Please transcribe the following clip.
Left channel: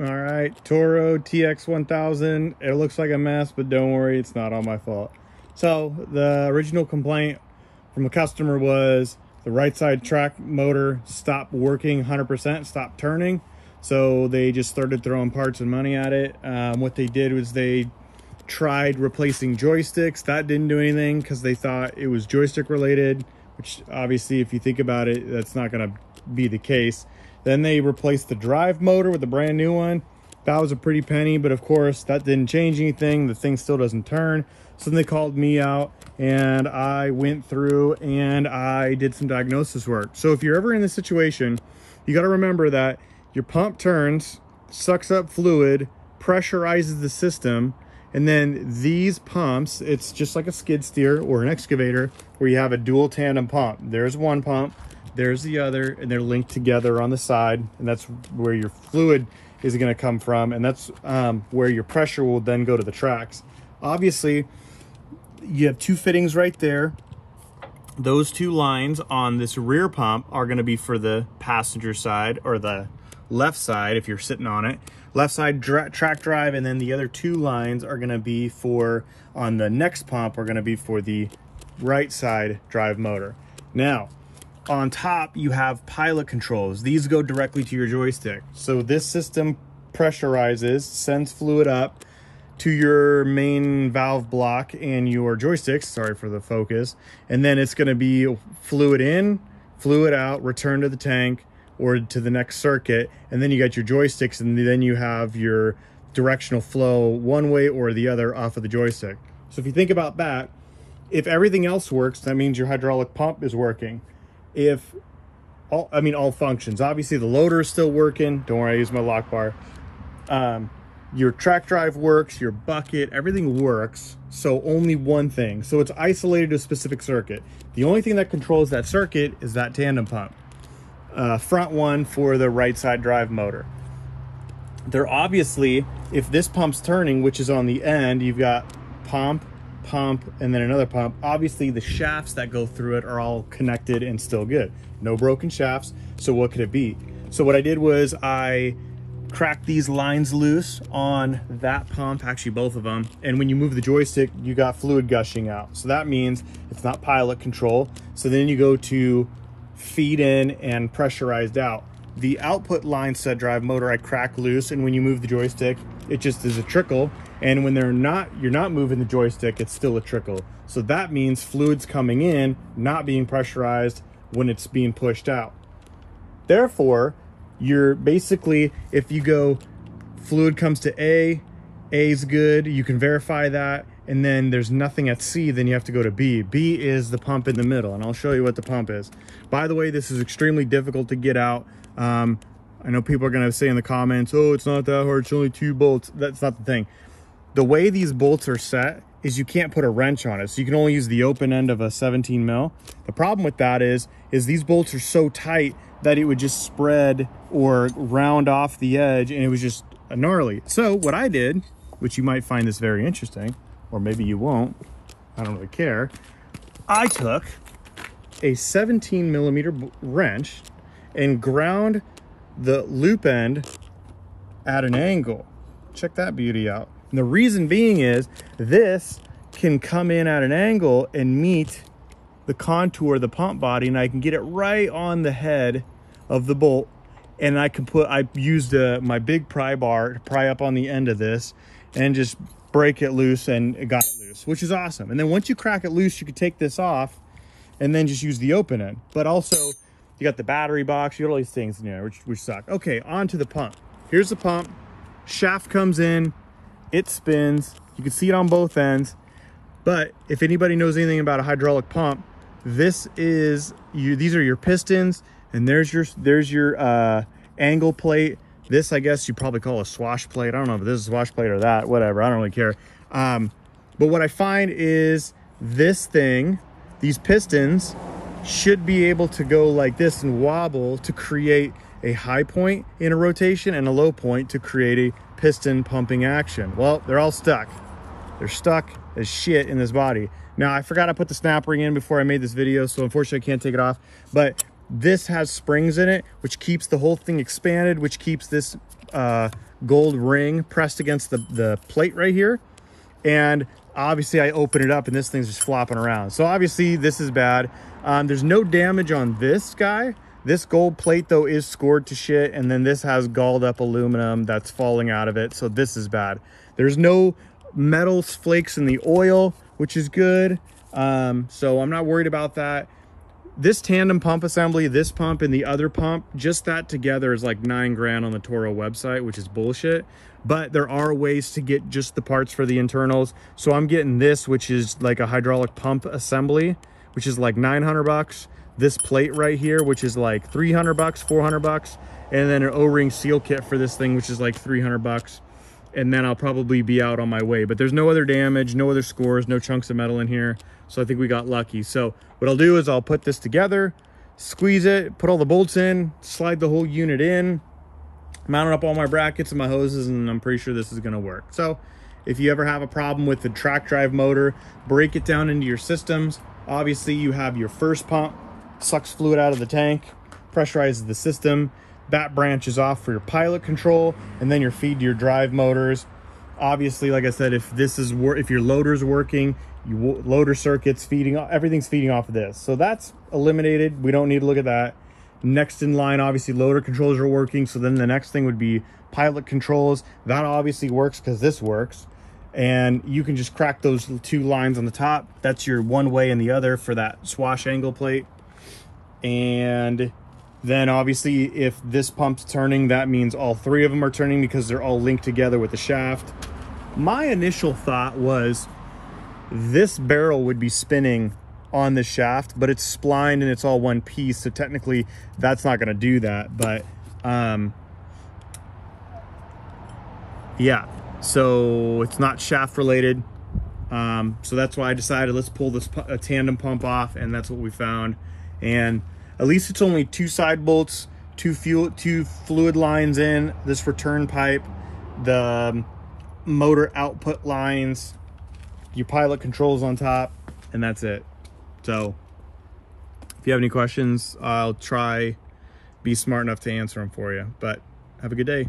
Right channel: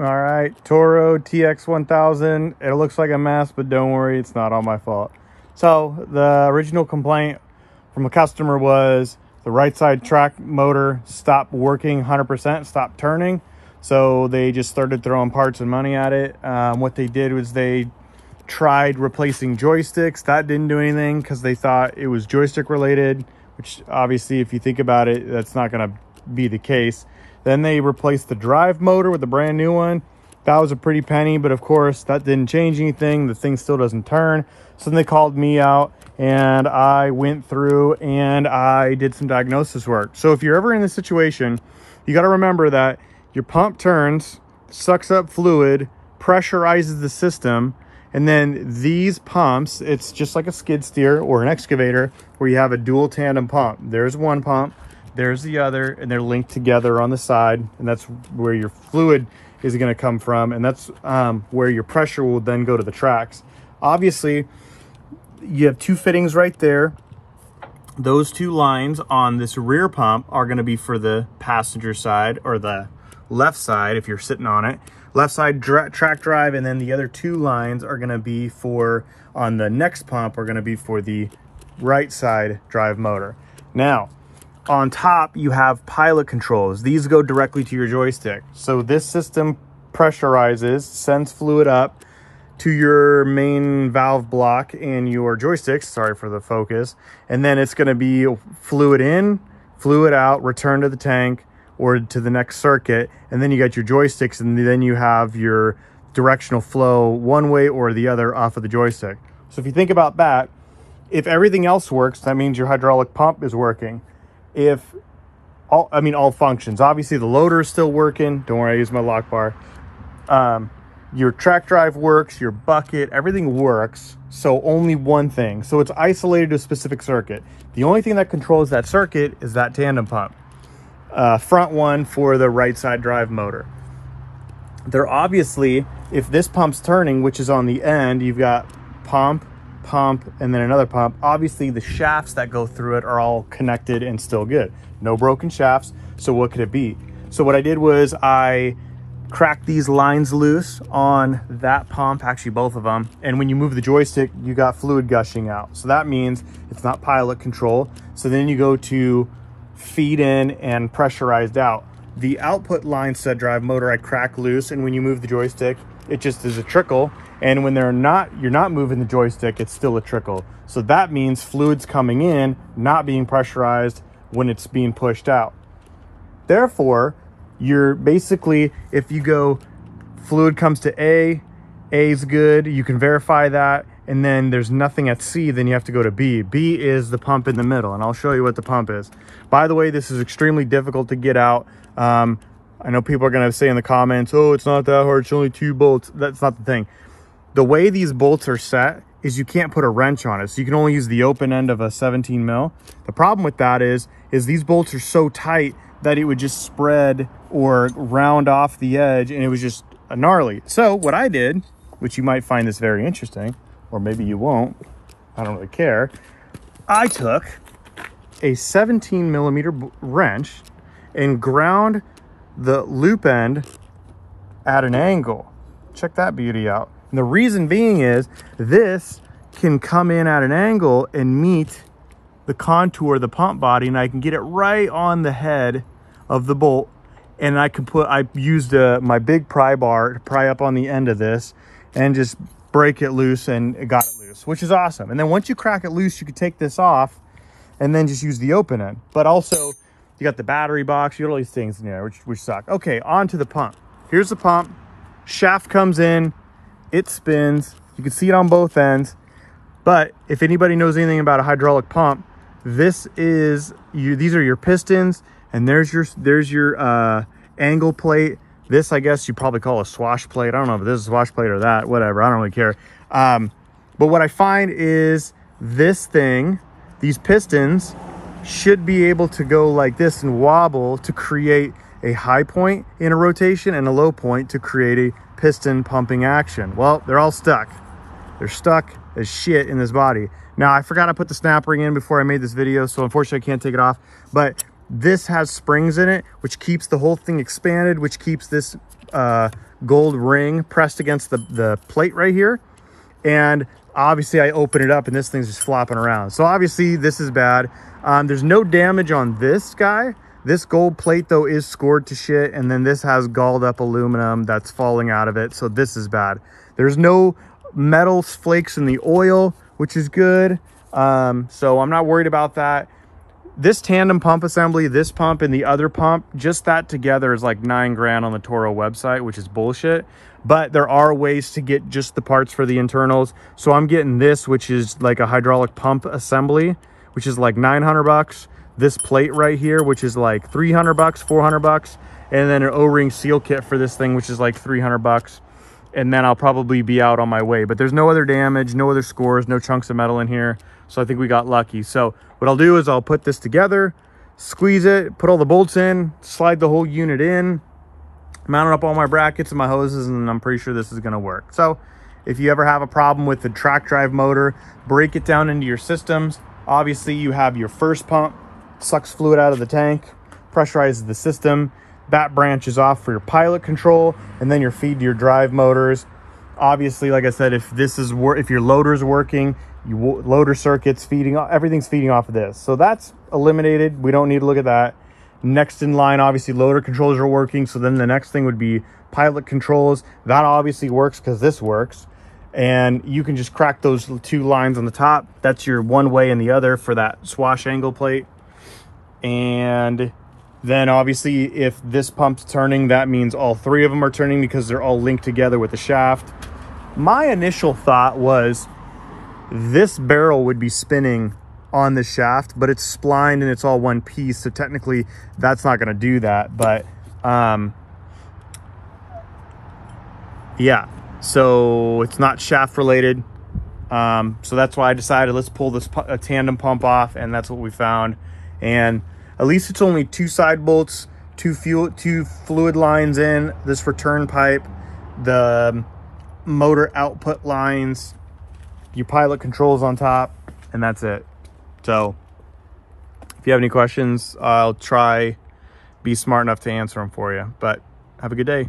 All right, Toro TX1000. It looks like a mess, but don't worry, it's not all my fault. So the original complaint from a customer was the right side track motor stopped working 100%, stopped turning. So they just started throwing parts and money at it. What they did was they tried replacing joysticks. That didn't do anything because they thought it was joystick related, which obviously if you think about it, that's not going to be the case. Then they replaced the drive motor with a brand new one. That was a pretty penny, but of course that didn't change anything. The thing still doesn't turn. So then they called me out and I went through and I did some diagnosis work. So if you're ever in this situation, you got to remember that your pump turns, sucks up fluid, pressurizes the system, and then these pumps, it's just like a skid steer or an excavator where you have a dual tandem pump. There's one pump, there's the other, and they're linked together on the side, and that's where your fluid is going to come from, and that's where your pressure will then go to the tracks. Obviously, you have two fittings right there. Those two lines on this rear pump are going to be for the passenger side, or the left side if you're sitting on it. Left side track drive, and then the other two lines are going to be for, on the next pump, are going to be for the right side drive motor. Now, on top, you have pilot controls. These go directly to your joystick. So this system pressurizes, sends fluid up to your main valve block and your joysticks. Sorry for the focus. And then it's going to be fluid in, fluid out, return to the tank or to the next circuit. And then you got your joysticks, and then you have your directional flow one way or the other off of the joystick. So if you think about that, if everything else works, that means your hydraulic pump is working. If all functions, obviously the loader is still working. Don't worry, I use my lock bar. Your track drive works, your bucket, everything works. So only one thing. So it's isolated to a specific circuit. The only thing that controls that circuit is that tandem pump. Front one for the right side drive motor. They're obviously, if this pump's turning, which is on the end, you've got pump, and then another pump. Obviously the shafts that go through it are all connected and still good. No broken shafts. So what could it be? So what I did was I cracked these lines loose on that pump, actually both of them. And when you move the joystick, you got fluid gushing out. So that means it's not pilot control. So then you go to feed in and pressurized out. The output line set drive motor I crack loose, and when you move the joystick, it just is a trickle. And when you're not moving the joystick, it's still a trickle. So that means fluid's coming in, not being pressurized when it's being pushed out. Therefore, you're basically, if you go fluid comes to A is good, you can verify that, and then there's nothing at C, then you have to go to B. B is the pump in the middle, and I'll show you what the pump is. By the way, this is extremely difficult to get out. I know people are going to say in the comments, oh, it's not that hard, it's only 2 bolts. That's not the thing. The way these bolts are set is you can't put a wrench on it. So you can only use the open end of a 17 mil. The problem with that is these bolts are so tight that it would just spread or round off the edge, and it was just gnarly. So what I did, which you might find this very interesting, or maybe you won't, I don't really care. I took a 17 millimeter wrench and ground the loop end at an angle. Check that beauty out. And the reason being is this can come in at an angle and meet the contour of the pump body, and I can get it right on the head of the bolt. And I used my big pry bar to pry up on the end of this and just break it loose, and it got it loose, which is awesome. And then once you crack it loose, you can take this off and then just use the open end. But also you got the battery box, you got all these things in there, which suck. Okay, on to the pump. Here's the pump. Shaft comes in, it spins. You can see it on both ends. But if anybody knows anything about a hydraulic pump, these are your pistons, and there's your angle plate. This, I guess you probably call a swash plate. I don't know if this is a swash plate or that, whatever, I don't really care. But what I find is this thing, these pistons should be able to go like this and wobble to create a high point in a rotation and a low point to create a piston pumping action. Well, they're all stuck. They're stuck as shit in this body. Now, I forgot to put the snap ring in before I made this video, so unfortunately I can't take it off. But This has springs in it, which keeps the whole thing expanded, which keeps this gold ring pressed against the plate right here. And obviously I open it up and this thing's just flopping around. So obviously this is bad. There's no damage on this guy. This gold plate though is scored to shit. And then this has galled up aluminum that's falling out of it. So this is bad. There's no metal flakes in the oil, which is good. So I'm not worried about that. This tandem pump assembly, this pump and the other pump, just that together is like $9 grand on the Toro website, which is bullshit. But there are ways to get just the parts for the internals. So I'm getting this, which is like a hydraulic pump assembly, which is like 900 bucks. This plate right here, which is like 300 bucks, 400 bucks. And then an O-ring seal kit for this thing, which is like 300 bucks. And then I'll probably be out on my way. But there's no other damage, no other scores, no chunks of metal in here. So I think we got lucky. So what I'll do is I'll put this together, squeeze it, put all the bolts in, slide the whole unit in, mount up all my brackets and my hoses, and I'm pretty sure this is gonna work. So if you ever have a problem with the track drive motor, break it down into your systems. Obviously you have your first pump, sucks fluid out of the tank, pressurizes the system. That branch is off for your pilot control, and then your feed to your drive motors. Obviously, like I said, if your loader's working, loader circuits feeding, everything's feeding off of this. So that's eliminated. We don't need to look at that. Next in line, obviously loader controls are working. So then the next thing would be pilot controls. That obviously works because this works. And you can just crack those two lines on the top. That's your one way and the other for that swash angle plate. And then obviously if this pump's turning, that means all three of them are turning because they're all linked together with the shaft. My initial thought was this barrel would be spinning on the shaft, but it's splined and it's all one piece. So technically that's not gonna do that, but yeah, so it's not shaft related. So that's why I decided let's pull this tandem pump off, and that's what we found. And at least it's only two side bolts, two fluid lines in, this return pipe, the motor output lines, your pilot controls on top, and that's it. So if you have any questions, I'll try be smart enough to answer them for you. But have a good day.